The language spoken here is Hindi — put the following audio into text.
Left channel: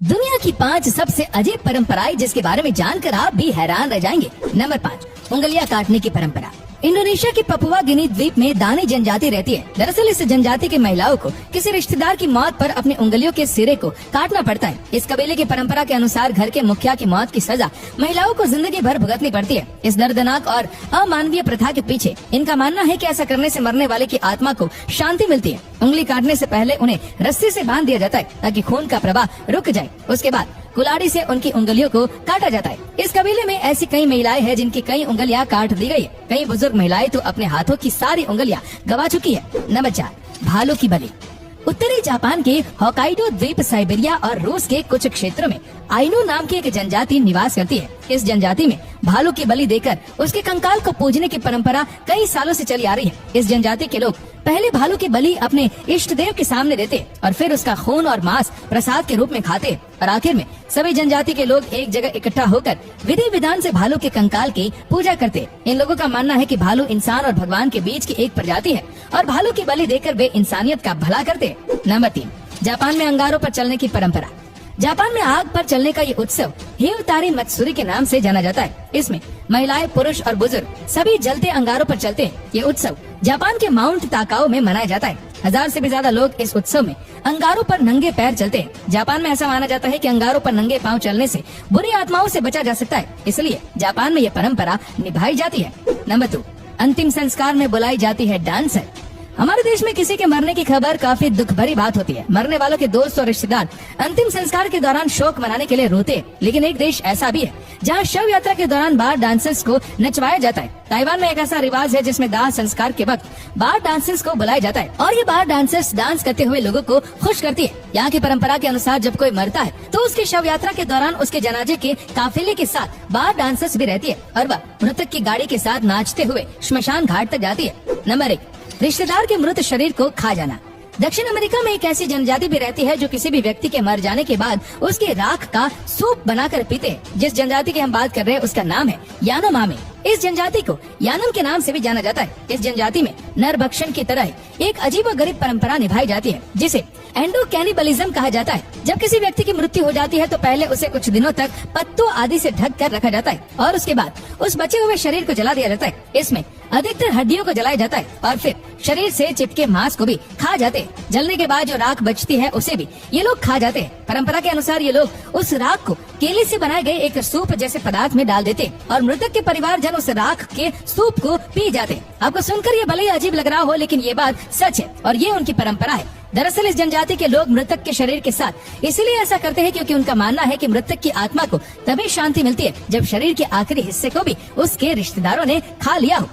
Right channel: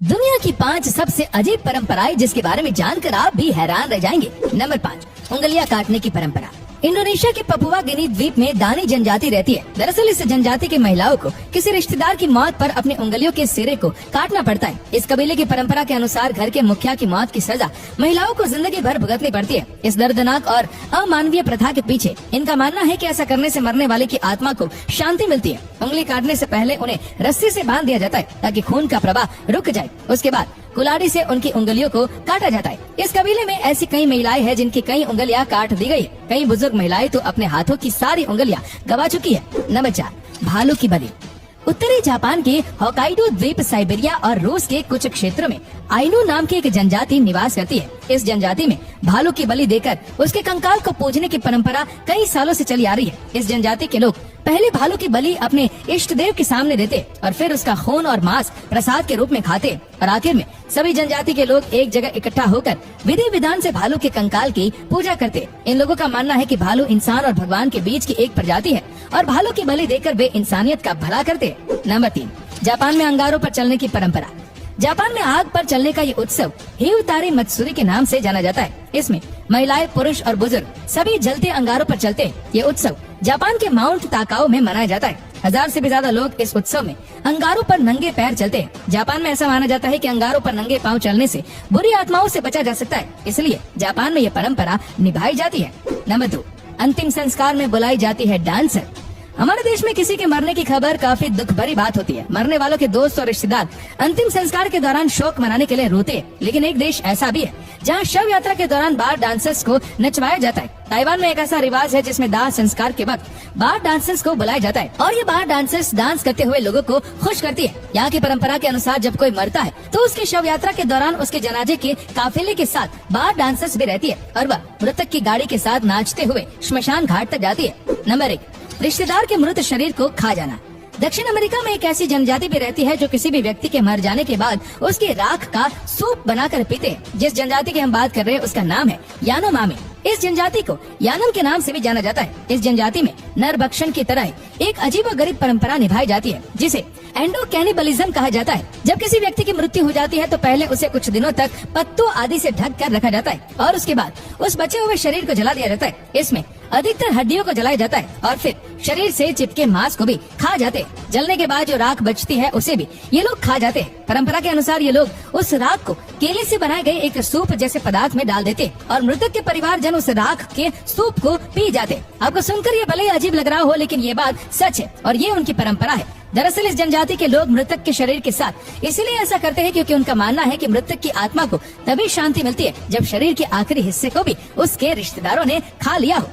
दुनिया की 5 सबसे अजीब परंपराएं जिसके बारे में जानकर आप भी हैरान रह जाएंगे। नंबर 5, उंगलियां काटने की परंपरा। इंडोनेशिया की पपुआ गिनी द्वीप में दानी जनजाति रहती है। दरअसल इस जनजाति की महिलाओं को किसी रिश्तेदार की मौत पर अपने उंगलियों के सिरे को काटना पड़ता है। इस कबीले की परंपरा के अनुसार घर के मुखिया की मौत की सजा महिलाओं को जिंदगी भर भुगतनी पड़ती है। इस दर्दनाक और अमानवीय प्रथा के पीछे इनका मानना है कि ऐसा करने से मरने वाले की आत्मा को शांति मिलती है। उंगली काटने से पहले उन्हें रस्सी से बांध दिया जाता है ताकि खून का प्रवाह रुक जाए। उसके बाद कुल्हाड़ी से उनकी उंगलियों को काटा जाता है। इस कबीले में ऐसी कई महिलाएं हैं जिनकी कई उंगलियां काट दी गई है। कई बुजुर्ग महिलाएं तो अपने हाथों की सारी उंगलियां गवा चुकी है। नंबर 4, भालों की बलि। उत्तरी जापान के होकाइडो द्वीप, साइबेरिया और रूस के कुछ क्षेत्रों में आइनू नाम की एक जनजाति निवास करती है। इस जनजाति में भालू की बलि देकर उसके कंकाल को पूजने की परंपरा कई सालों से चली आ रही है। इस जनजाति के लोग पहले भालू की बलि अपने इष्ट देव के सामने देते और फिर उसका खून और मांस प्रसाद के रूप में खाते और आखिर में सभी जनजाति के लोग एक जगह इकट्ठा होकर विधि विधान से भालू के कंकाल की पूजा करते। इन लोगों का मानना है कि भालू इंसान और भगवान के बीच की एक प्रजाति है और भालू की बलि देकर वे इंसानियत का भला करते। नंबर 3, जापान में अंगारों पर चलने की परंपरा। जापान में आग पर चलने का ये उत्सव हिउतारे मत्सुरी के नाम से जाना जाता है। इसमें महिलाएं, पुरुष और बुजुर्ग सभी जलते अंगारों पर चलते हैं। ये उत्सव जापान के माउंट ताकाओ में मनाया जाता है। 1000 से भी ज्यादा लोग इस उत्सव में अंगारों पर नंगे पैर चलते हैं। जापान में ऐसा माना जाता है कि अंगारों पर नंगे पांव चलने से बुरी आत्माओं से बचा जा सकता है, इसलिए जापान में ये परंपरा निभाई जाती है। नंबर 2, अंतिम संस्कार में बुलाई जाती है डांसर। हमारे देश में किसी के मरने की खबर काफी दुख भरी बात होती है। मरने वालों के दोस्त और रिश्तेदार अंतिम संस्कार के दौरान शोक मनाने के लिए रोते हैं। लेकिन एक देश ऐसा भी है जहां शव यात्रा के दौरान बार डांसर्स को नचवाया जाता है। ताइवान में एक ऐसा रिवाज है जिसमें दाह संस्कार के वक्त बार डांसर्स को बुलाया जाता है और ये बार डांसर्स डांस करते हुए लोगों को खुश करती है। यहाँ की परंपरा के अनुसार जब कोई मरता है तो उसकी शव यात्रा के दौरान उसके जनाजे के काफिले के साथ बार डांसर्स भी रहती है और वह मृतक की गाड़ी के साथ नाचते हुए श्मशान घाट तक जाती है। नंबर 1, रिश्तेदार के मृत शरीर को खा जाना। दक्षिण अमेरिका में एक ऐसी जनजाति भी रहती है जो किसी भी व्यक्ति के मर जाने के बाद उसके राख का सूप बनाकर पीते हैं। जिस जनजाति की हम बात कर रहे हैं उसका नाम है यानोमामी। इस जनजाति को यानम के नाम से भी जाना जाता है। इस जनजाति में नर भक्षण की तरह एक अजीबोगरीब परंपरा निभाई जाती है जिसे एंडो कैनिबलिज्म कहा जाता है। जब किसी व्यक्ति की मृत्यु हो जाती है तो पहले उसे कुछ दिनों तक पत्तों आदि से ढक कर रखा जाता है और उसके बाद उस बचे हुए शरीर को जला दिया जाता है। इसमें अधिकतर हड्डियों को जलाया जाता है और फिर शरीर से चिपके मांस को भी खा जाते हैं। जलने के बाद जो राख बचती है उसे भी ये लोग खा जाते हैं। परंपरा के अनुसार ये लोग उस राख को केले से बनाए गए एक सूप जैसे पदार्थ में डाल देते और मृतक के परिवारजन उस राख के सूप को पी जाते। आपको सुनकर ये भले ही अजीब लग रहा हो लेकिन ये बात सच है और ये उनकी परंपरा है। दरअसल इस जनजाति के लोग मृतक के शरीर के साथ इसलिए ऐसा करते हैं क्योंकि उनका मानना है कि मृतक की आत्मा को तभी शांति मिलती है जब शरीर के आखिरी हिस्से को भी उसके रिश्तेदारों ने खा लिया हो।